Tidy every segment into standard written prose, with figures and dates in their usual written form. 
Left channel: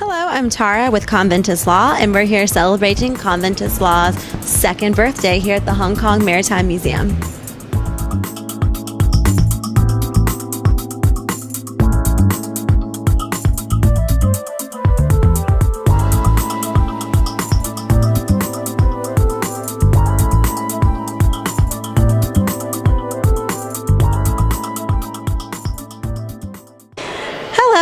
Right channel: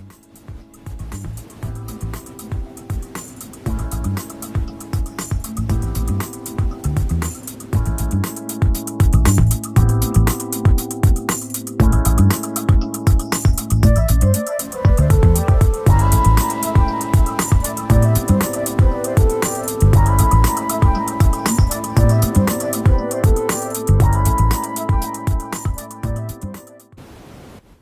Hello, I'm Tara with Conventus Law, and we're here celebrating Conventus Law's second birthday here at the Hong Kong Maritime Museum.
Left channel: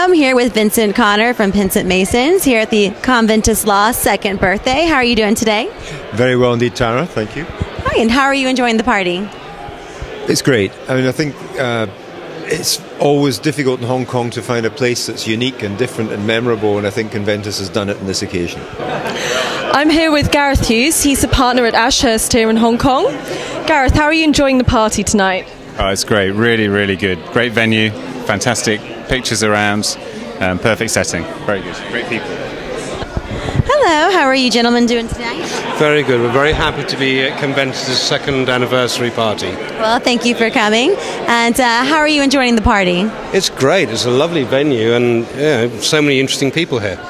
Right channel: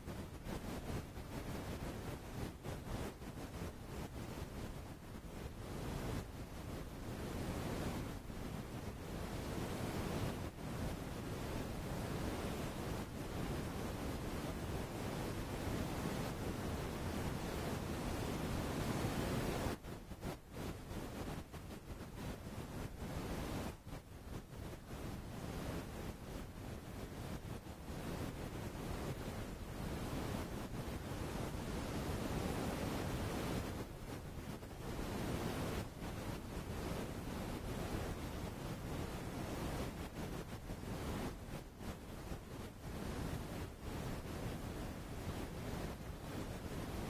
I'm here with Vincent Connor from Vincent Masons here at the Conventus Law second birthday. How are you doing today? Very well indeed, Tara. Thank you. Hi, and how are you enjoying the party? It's great. I mean, I think it's always difficult in Hong Kong to find a place that's unique and different and memorable, and I think Conventus has done it on this occasion. I'm here with Gareth Hughes. He's a partner at Ashurst here in Hong Kong. Gareth, how are you enjoying the party tonight? Oh, it's great. Really, really good. Great venue. Fantastic pictures around. Perfect setting. Very good. Great people. Hello. How are you gentlemen doing tonight? Very good. We're very happy to be at Conventus' second anniversary party. Well, thank you for coming. And how are you enjoying the party? It's great. It's a lovely venue and so many interesting people here.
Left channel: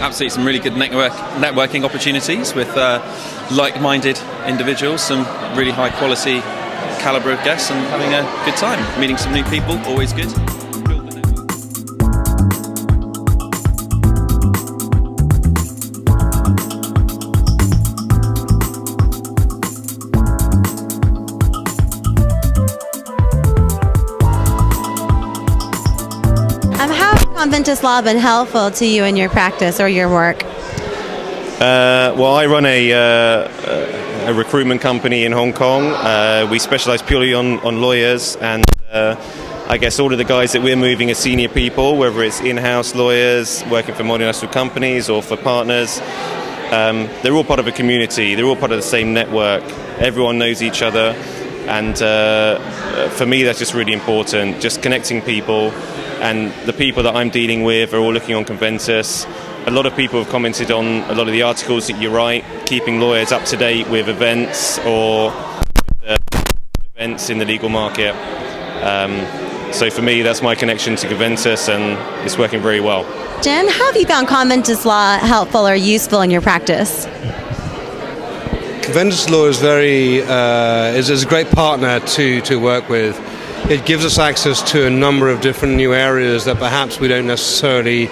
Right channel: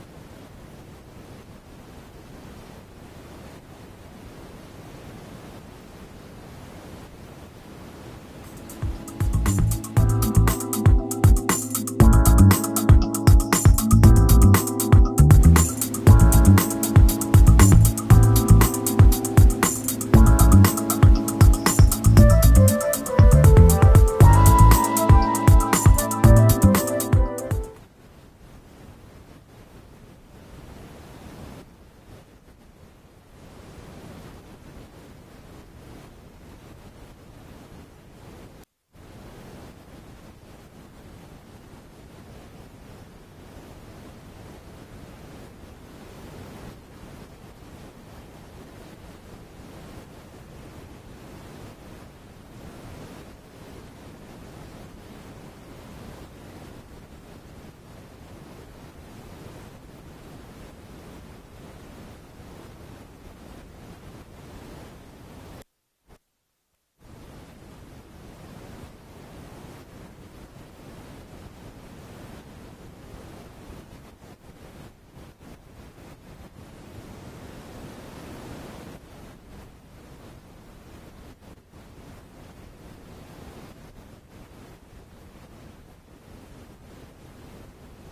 Absolutely, some really good networking opportunities with like-minded individuals, some really high-quality calibre of guests, and having a good time. Meeting some new people, always good. Conventus Law been helpful to you in your practice or your work? Well, I run a recruitment company in Hong Kong. We specialise purely on lawyers, and I guess all of the guys that we're moving are senior people, whether it's in-house lawyers working for multinational companies or for partners. They're all part of a community. They're all part of the same network. Everyone knows each other, and for me that's just really important, just connecting people. And the people that I'm dealing with are all looking on Conventus. A lot of people have commented on a lot of the articles that you write, keeping lawyers up to date with events or events in the legal market. So for me, that's my connection to Conventus, and it's working very well. Jen, how have you found Conventus Law helpful or useful in your practice? Conventus Law is is a great partner to work with. It gives us access to a number of different new areas that perhaps we don't necessarily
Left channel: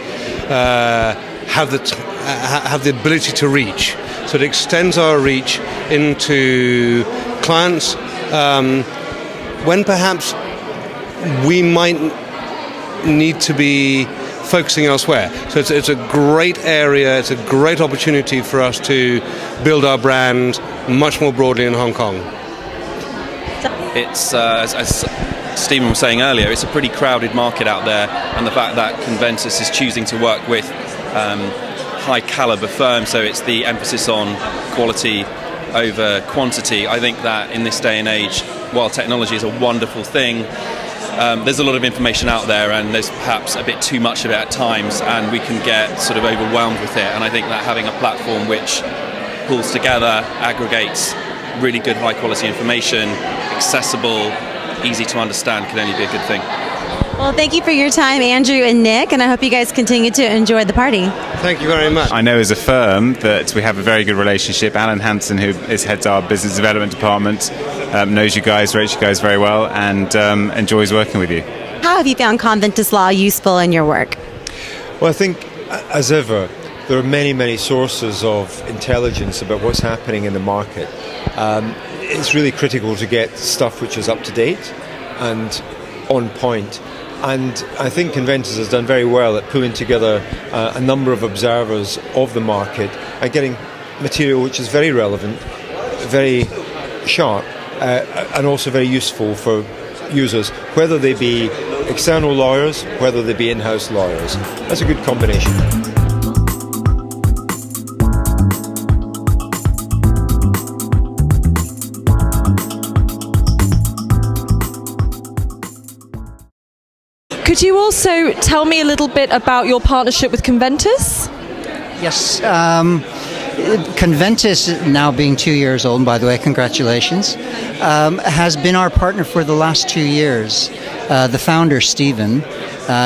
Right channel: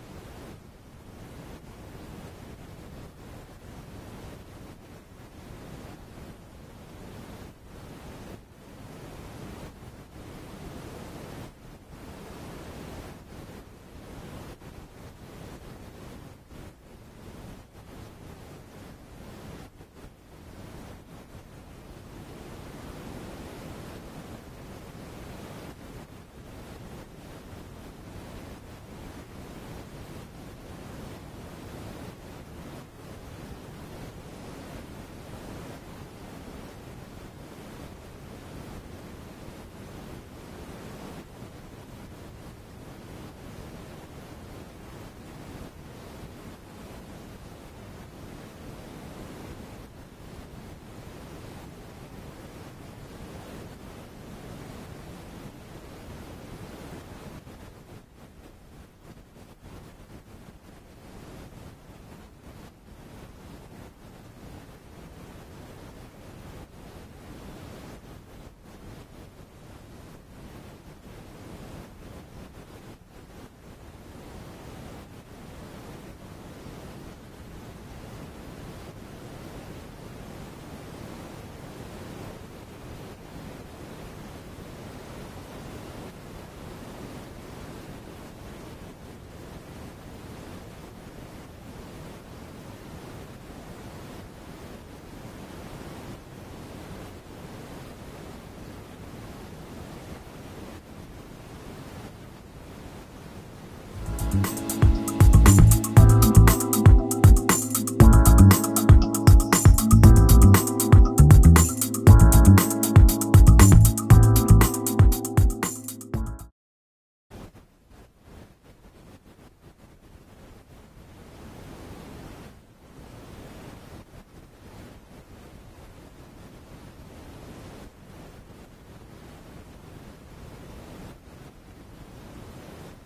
have the ability to reach. So it extends our reach into clients when perhaps we might need to be focusing elsewhere. So it's a great area, it's a great opportunity for us to build our brand much more broadly in Hong Kong. It's, as Stephen was saying earlier, it's a pretty crowded market out there, and the fact that Conventus is choosing to work with high caliber firms, so it's the emphasis on quality over quantity. I think that in this day and age, while technology is a wonderful thing, there's a lot of information out there, and there's perhaps a bit too much of it at times, and we can get sort of overwhelmed with it. And I think that having a platform which pulls together, aggregates really good high quality information, accessible, easy to understand, can only be a good thing. Well, thank you for your time, Andrew and Nick, and I hope you guys continue to enjoy the party. Thank you very much. I know as a firm that we have a very good relationship. Alan Hansen, who heads our business development department, knows you guys, rates you guys very well, and enjoys working with you. How have you found Conventus Law useful in your work? Well, I think, as ever, there are many, many sources of intelligence about what's happening in the market. It's really critical to get stuff which is up to date and on point. And I think Conventus has done very well at pulling together a number of observers of the market and getting material which is very relevant, very sharp, and also very useful for users, whether they be external lawyers, whether they be in-house lawyers. That's a good combination. Could you also tell me a little bit about your partnership with Conventus? Yes. Conventus, now being 2 years old, by the way, congratulations, has been our partner for the last 2 years. the founder, Stephen,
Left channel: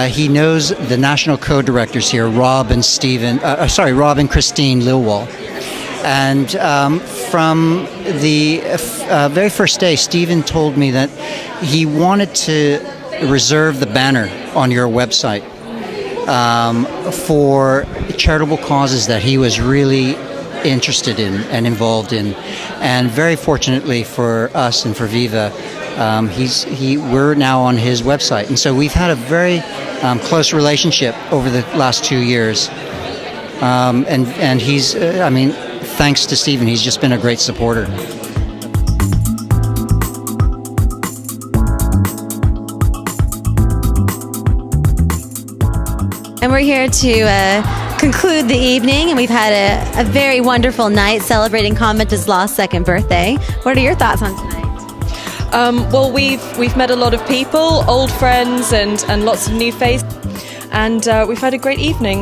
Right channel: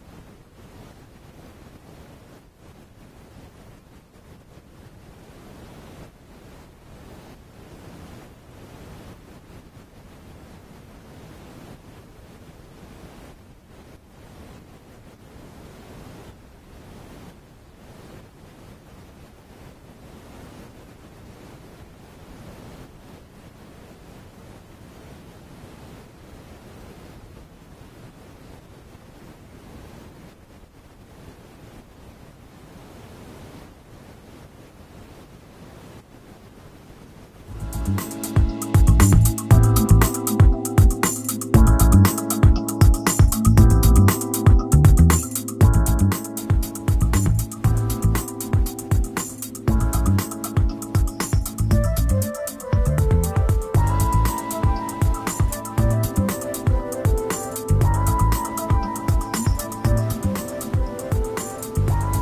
he knows the national co-directors here, Rob and Christine Lilwall. And from the very first day, Stephen told me that he wanted to reserve the banner on your website for charitable causes that he was really interested in and involved in. And very fortunately for us and for VIVA, we're now on his website. And so we've had a very close relationship over the last 2 years. And he's, thanks to Stephen, he's just been a great supporter. And we're here to conclude the evening, and we've had a very wonderful night celebrating Conventus Law's second birthday. What are your thoughts on tonight? Well, we've met a lot of people, old friends, and lots of new faces, and we've had a great evening.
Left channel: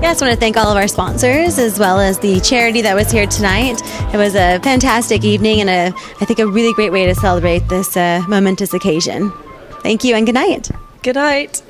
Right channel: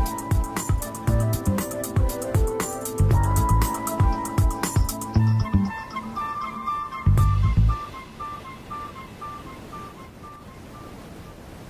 Yeah, I just want to thank all of our sponsors as well as the charity that was here tonight. It was a fantastic evening and I think a really great way to celebrate this momentous occasion. Thank you and good night. Good night.